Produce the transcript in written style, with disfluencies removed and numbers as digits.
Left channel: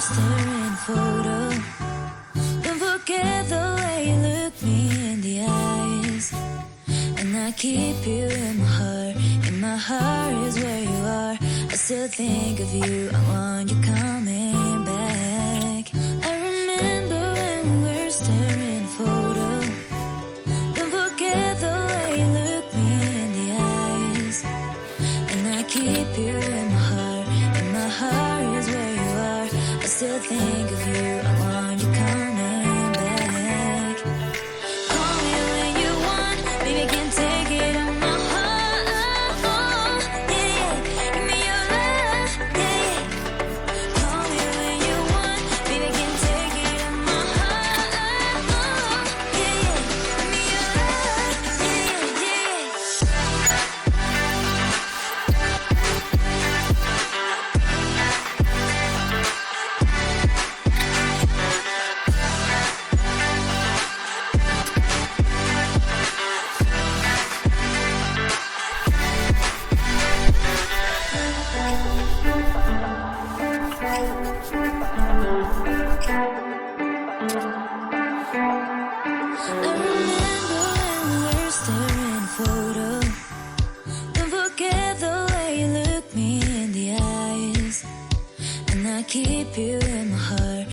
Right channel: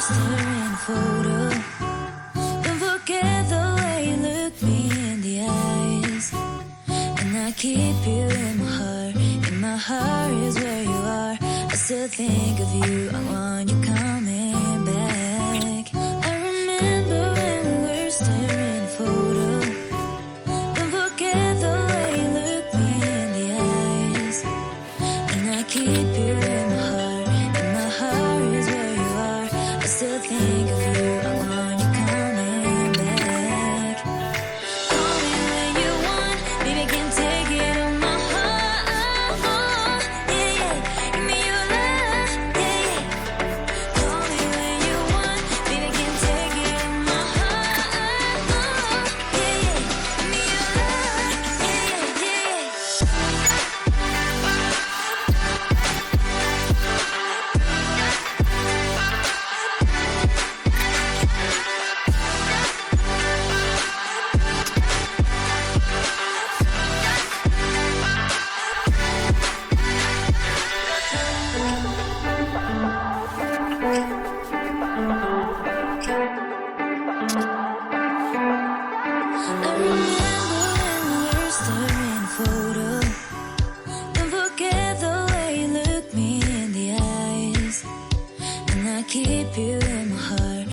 staring photo. Don't forget the way you look me in the eyes. And I keep you in my heart. In my heart is where you are. I still think of you. I want you coming back. I remember when we were staring photo. Don't forget the way you look me in the eyes. And I keep you in my heart. In my heart is where you are. I still think of you. I want you coming back. Call me when you want. Baby, I can take it on my heart. Yeah, yeah. Give me your love. Yeah, yeah. Call me when you want. Baby, I can take it on my heart. Yeah, yeah. Give me your love. Yeah, yeah, yeah. I remember when we were staring photo. Don't forget the way you look me in the eyes. And I keep you in my heart.